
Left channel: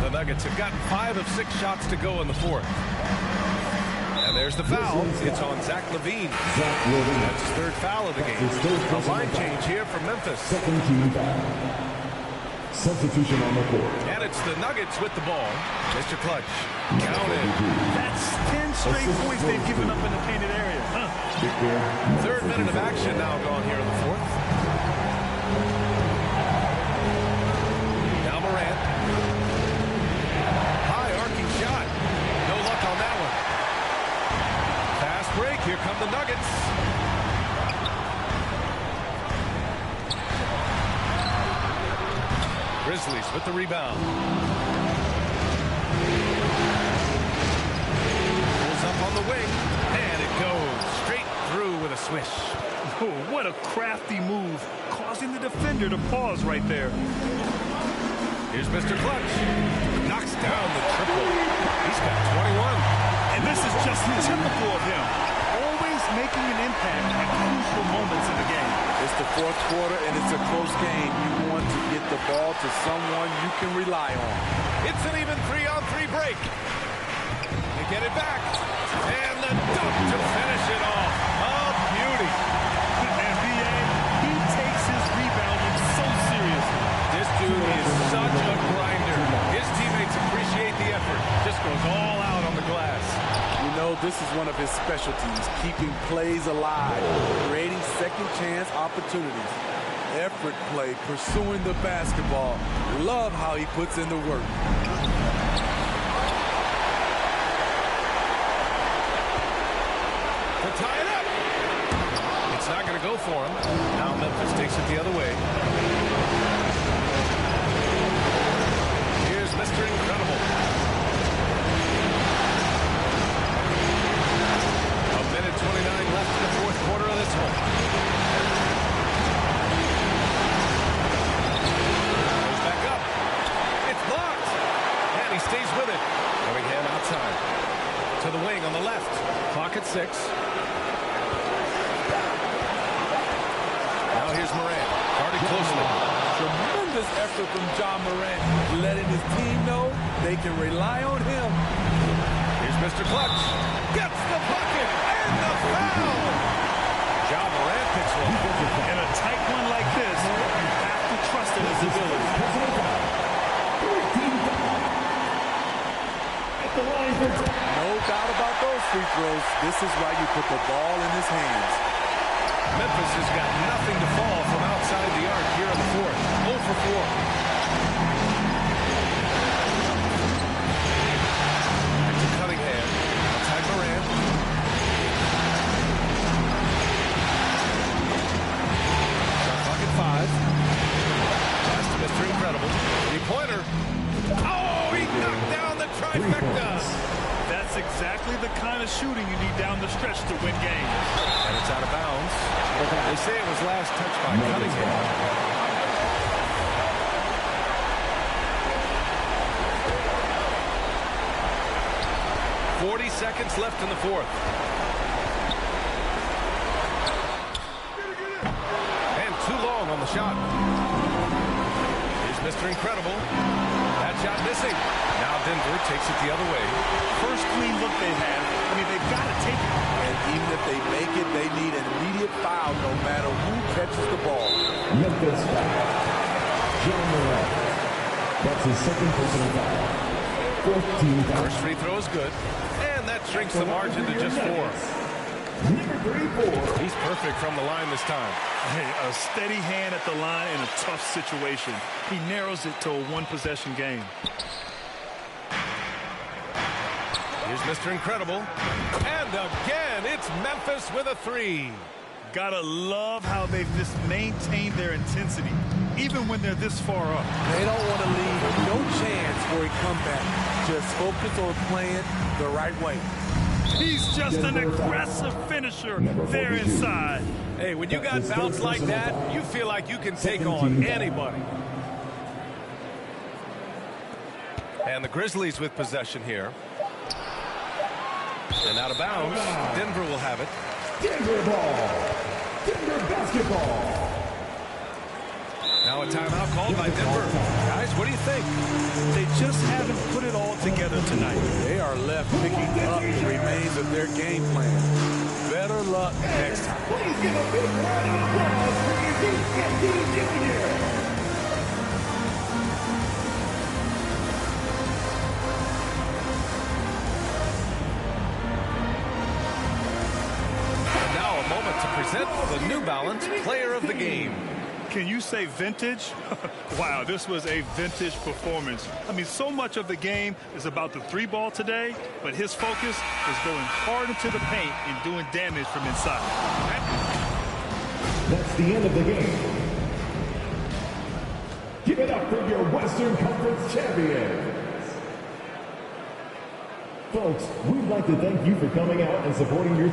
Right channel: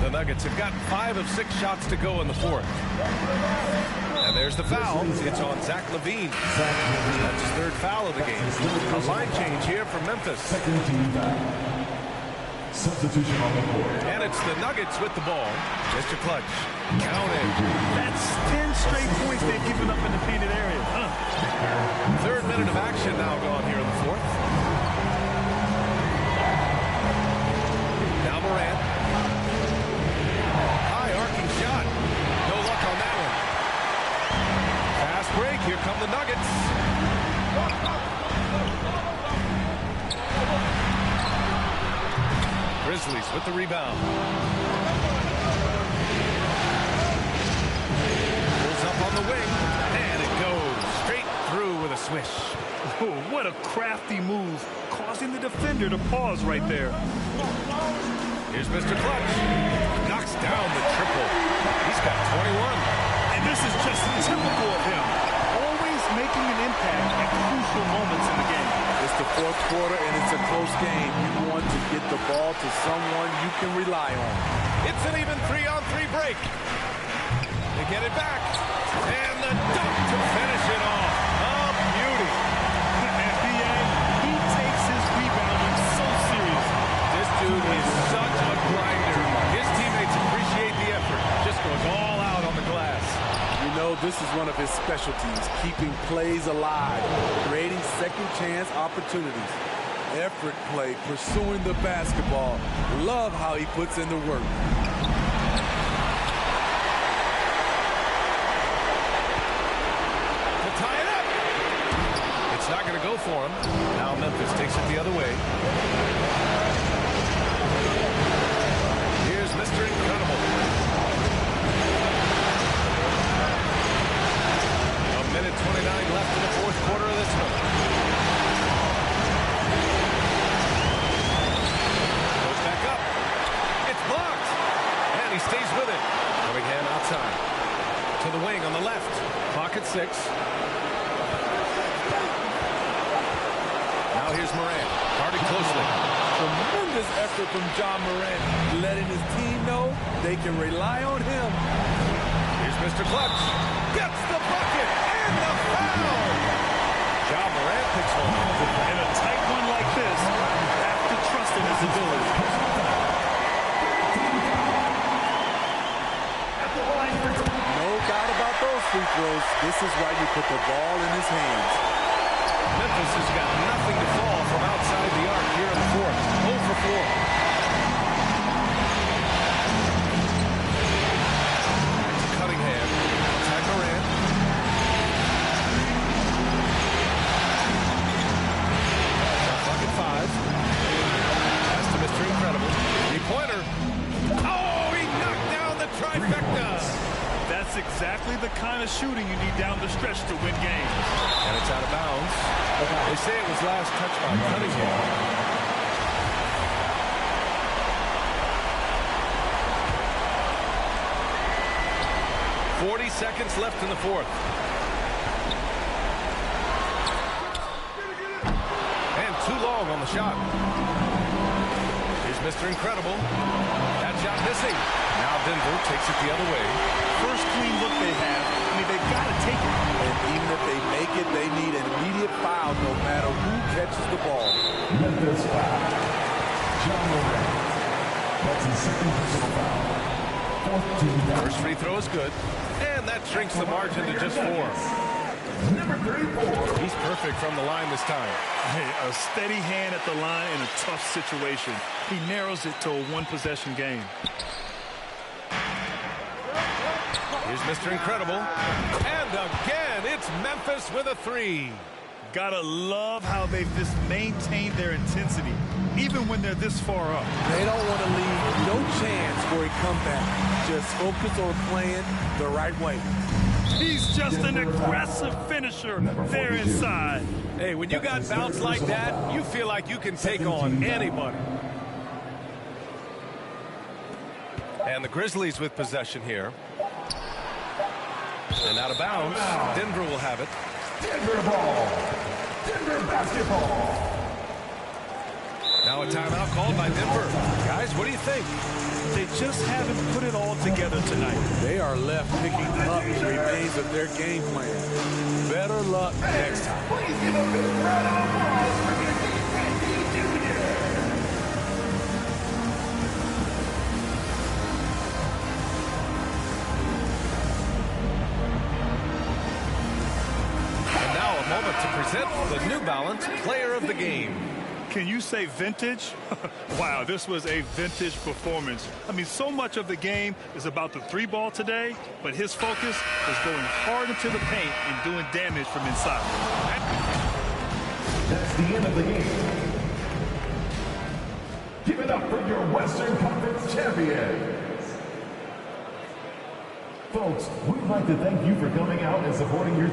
The Nuggets have gotten 5 of 6 shots to go in the fourth. And there's the foul. It's on Zach LaVine. That's his third foul of the game. A line change here for Memphis. Second team foul. Substitution on the court. And it's the Nuggets with the ball. Mr. Clutch. Counted. That's 10 straight points they've given up in the painted area. Third minute of action now gone here in the fourth. Now Morant. High arcing shot. No luck on that one. Fast break. Here come the Nuggets. Grizzlies with the rebound. Pulls up on the wing. And it goes straight through with a swish. Oh, what a crafty move, causing the defender to pause right there. Here's Mr. Clutch. Knocks down the triple. He's got 21. And this is just typical of him. Always making an impact at crucial moments in the game. It's the fourth quarter, and it's a close game. You want to get the ball to someone you can rely on. It's an even 3-on-3 break. They get it back. And the dunk to finish it off. A beauty. And B.A., he takes his rebounding so seriously. This dude is such a grinder. His teammates appreciate the effort. Just goes all out on the glass. You know, this is one of his specialties, keeping plays alive, creating second chance opportunities. Effort play, pursuing the basketball. Love how he puts in the work. To tie it up. It's not going to go for him. Now Memphis takes it the other way. Here's Mr. Incredible. A minute 29 left in the fourth quarter of this one. Goes back up. It's blocked. And he stays with it. Cunningham outside. To the wing on the left. Clock at 6. Now here's Morant, guarded closely. Tremendous effort from John Morant, letting his team know they can rely on him. Here's Mr. Clutch. Gets the bucket and the foul. John Morant picks one up. In a tight one like this, you have to trust in his ability. No doubt about those free throws. This is why you put the ball in his hands. Memphis has got nothing to fall from outside the arc here in the fourth. 0 for 4. Back to Cunningham. Outside Morant. Shot clock at 5. Pass to Mr. Incredible. Three-pointer. Oh, he knocked down the trifecta. That's exactly the kind of shooting you need down the stretch to win games. And it's out of bounds. They say it was last touched by Cunningham. "40 seconds left in the fourth. And too long on the shot. Here's Mr. Incredible. That shot missing. Now Denver takes it the other way. First clean look they have. I mean, they've got to take it. And even if they make it, they need an immediate foul no matter who catches the ball. Memphis foul. John Morant. That's his second personal foul. Fourth team foul. First free throw is good. And that shrinks the margin to just 4. Number 34. He's perfect from the line this time. Hey, a steady hand at the line in a tough situation. He narrows it to a one-possession game. Here's Mr. Incredible. And again, it's Memphis with a 3. Gotta love how they've just maintained their intensity, even when they're this far up. They don't want to leave no chance for a comeback. Just focus on playing the right way. He's just an aggressive finisher there inside. Hey, when you got bounce like that, you feel like you can take on anybody. And the Grizzlies with possession here. And out of bounds, Denver will have it. Denver ball. Denver basketball. Now a timeout called by Denver. Guys, what do you think? They just haven't put it all together tonight. They are left picking up the remains of their game plan. Better luck next time. Please give a big round of applause for Izzy Jr. And now a moment to present the New Balance Player of the Game. Can you say vintage? Wow, this was a vintage performance. I mean, so much of the game is about the 3-ball today, but his focus was going hard into the paint and doing damage from inside. That's the end of the game. Give it up for your Western Conference champions. Folks, we'd like to thank you for coming out and supporting your...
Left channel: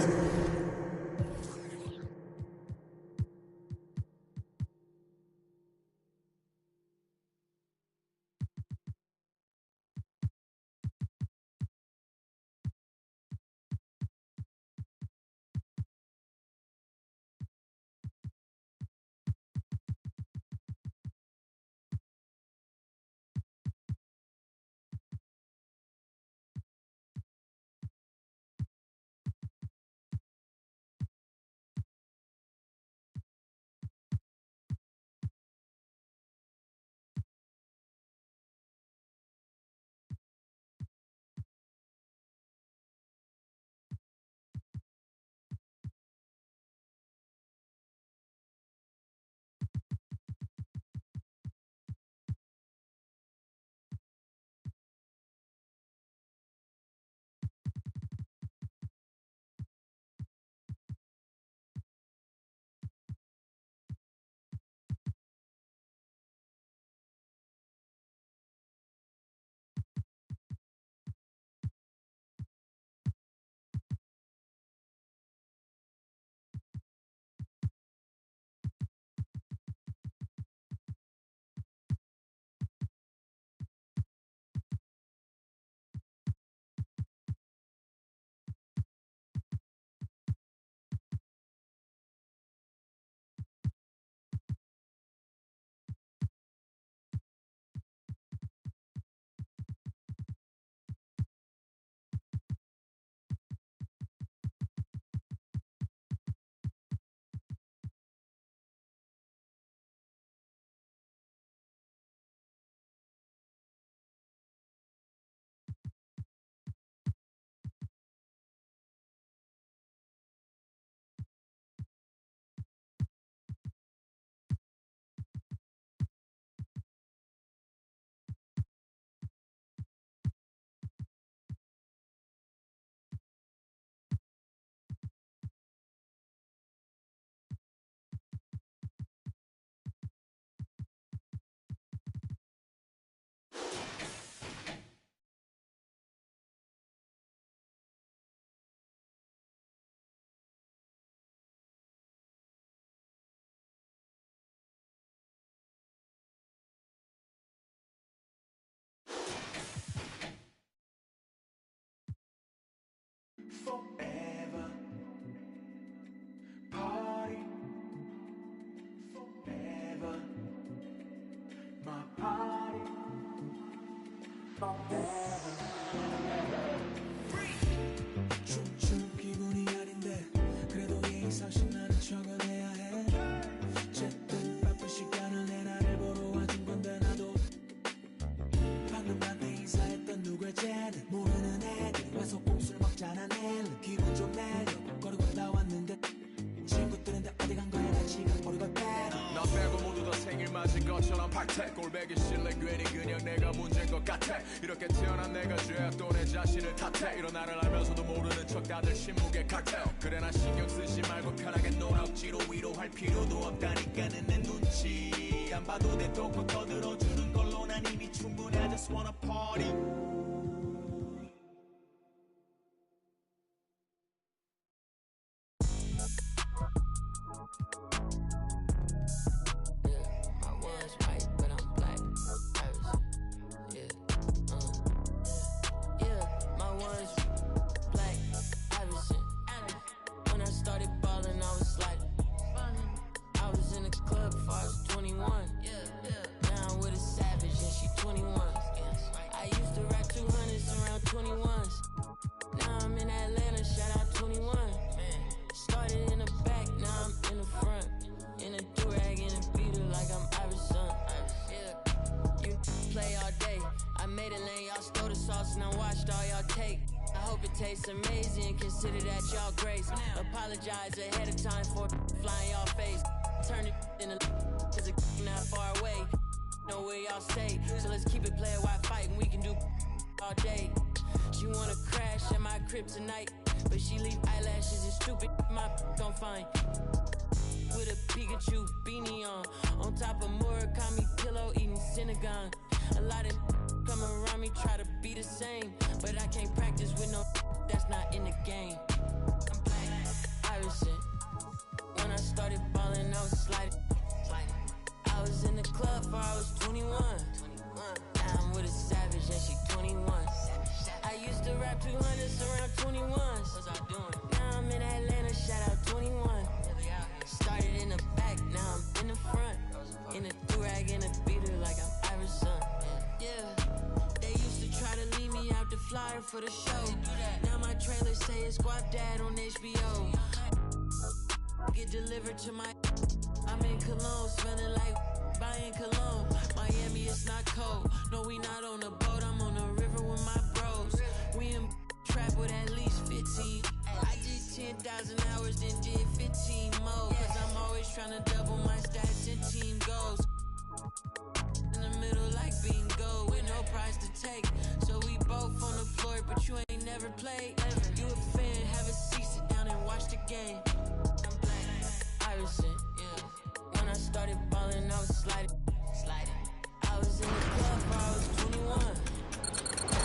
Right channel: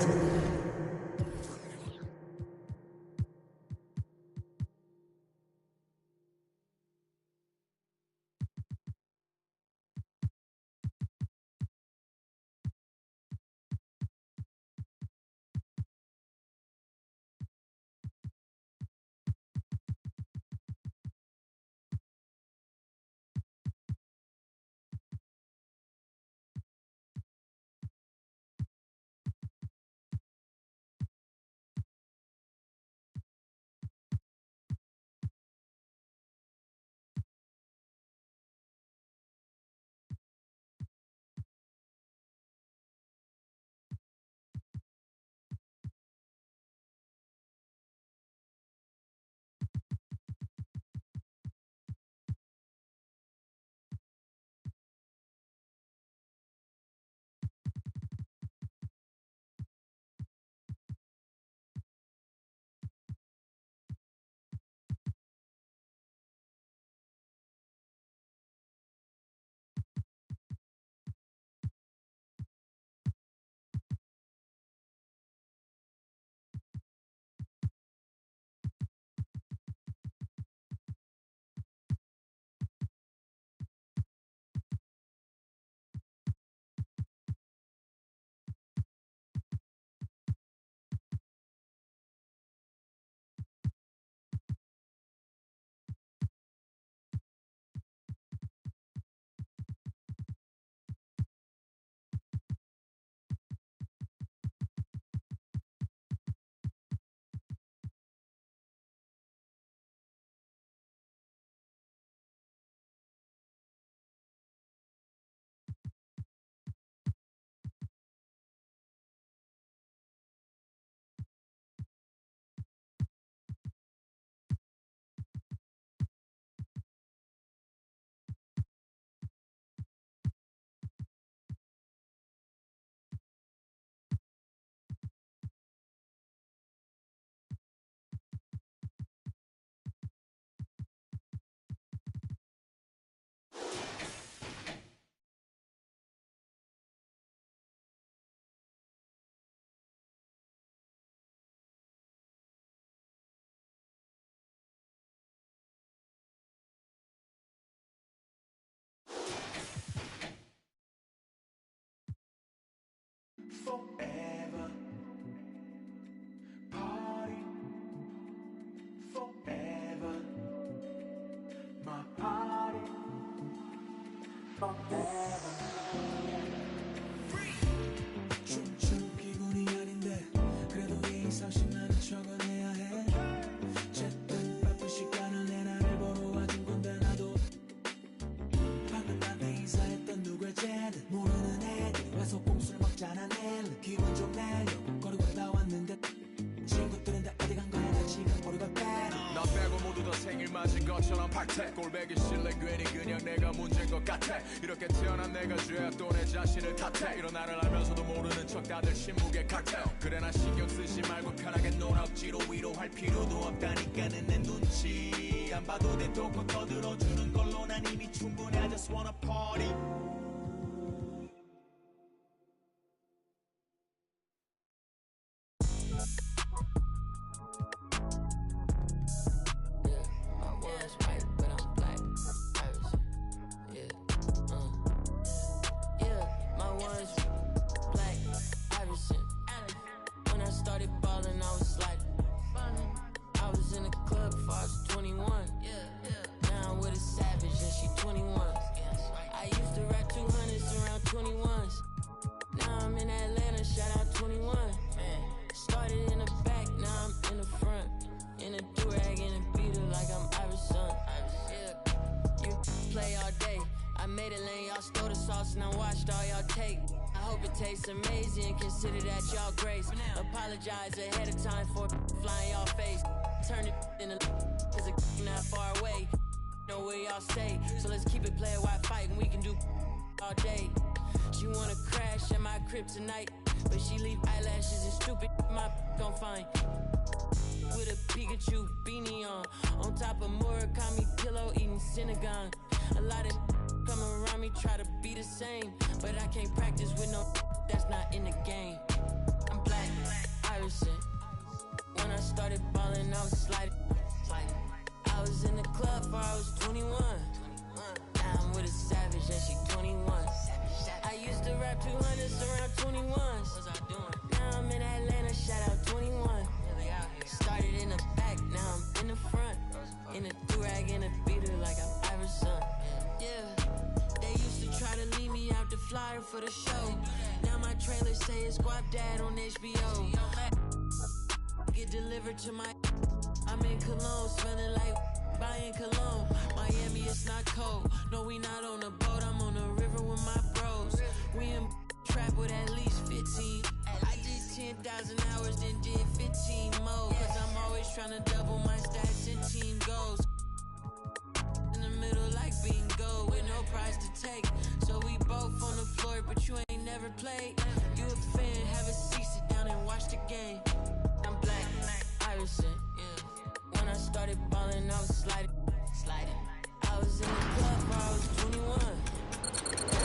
forever. Party forever. My party forever. 춤춘 기분이 아닌데 그래도 예의상식 나는 적어내야 해. 어쨌든 바쁜 시간을 내 나를 보러 와준 건데 나도 방금 나한테 인사했던 누굴 쟤는 모르는 애들이 와서 꼼수를 먹잖아. 내일은 기분 좀 내려고 거리고 나왔는데 친구들인데 어디 간 거야. 나 지금 버리고 빼. 나 빼고 모두 다 생일 맞은 것처럼 박태. 꼴배기 싫래 괜히 그냥 내가 문제인 것 같아. 이렇게 태어난 내가 죄야 또 내 자신을 탓해. 이런 나를 알면서도 모르는 척 다들 침묵의 칵테일. 그래 나 신경 쓰지 말고 편하게 놀아. 억지로 위로할 필요도 없다니까는 내 눈치 안 봐도 돼. 똥꼬 터들어주는 걸로 난 이미 충분해. I just wanna party. Amazing, consider that y'all grace. Apologize ahead of time for flying y'all face. Turn it in a cause it's not far away. Know where y'all stay. So let's keep it player while fighting. We can do all day. She wanna crash at my crib tonight, but she leave eyelashes and stupid my gon' find. With a Pikachu beanie on top of Murakami pillow eating Synagogue. A lot of come around me try to be the same, but I can't practice with no that's not in the game. I'm black, Irishman. When I started ballin', I was sliding. I was in the club before I was 21. Now I'm with a savage and she 21. I used to rap 200s around 21s. What was I doing? Now I'm in Atlanta, shout out 21. Started in the back, now I'm in the front. In a do-rag and a beater like I'm Iverson. Yeah. They used to try to leave me out the flyer for the show. Now my trailer say it's Guap Dad on HBO. Get delivered to my. I'm in Cologne, smelling like buying cologne. Miami, it's not cold. No, we not on a boat. I'm on the river with my bros. We in trap with at least 15. I did 10,000 hours, then did 15 more. Cause I'm always trying to double my stats and team goals. In the middle like bingo with no prize to take. So we both on the floor, but you ain't never played. You a fan, have a seat, sit down and watch the game. I'm black, Irishman, yeah. When I started ballin', I was sliding. I was in the club before I was 21. Now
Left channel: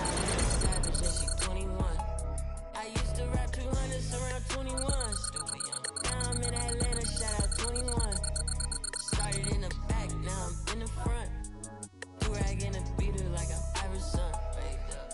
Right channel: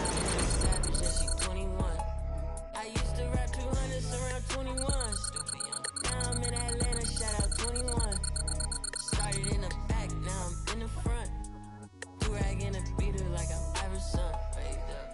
I'm with a savage and she 21. I used to rap 200s around 21. Stupid young. Now I'm in Atlanta, shout out 21. Started in the back, now I'm in the front. Do-rag and a beater like I'm Iverson. Waved up.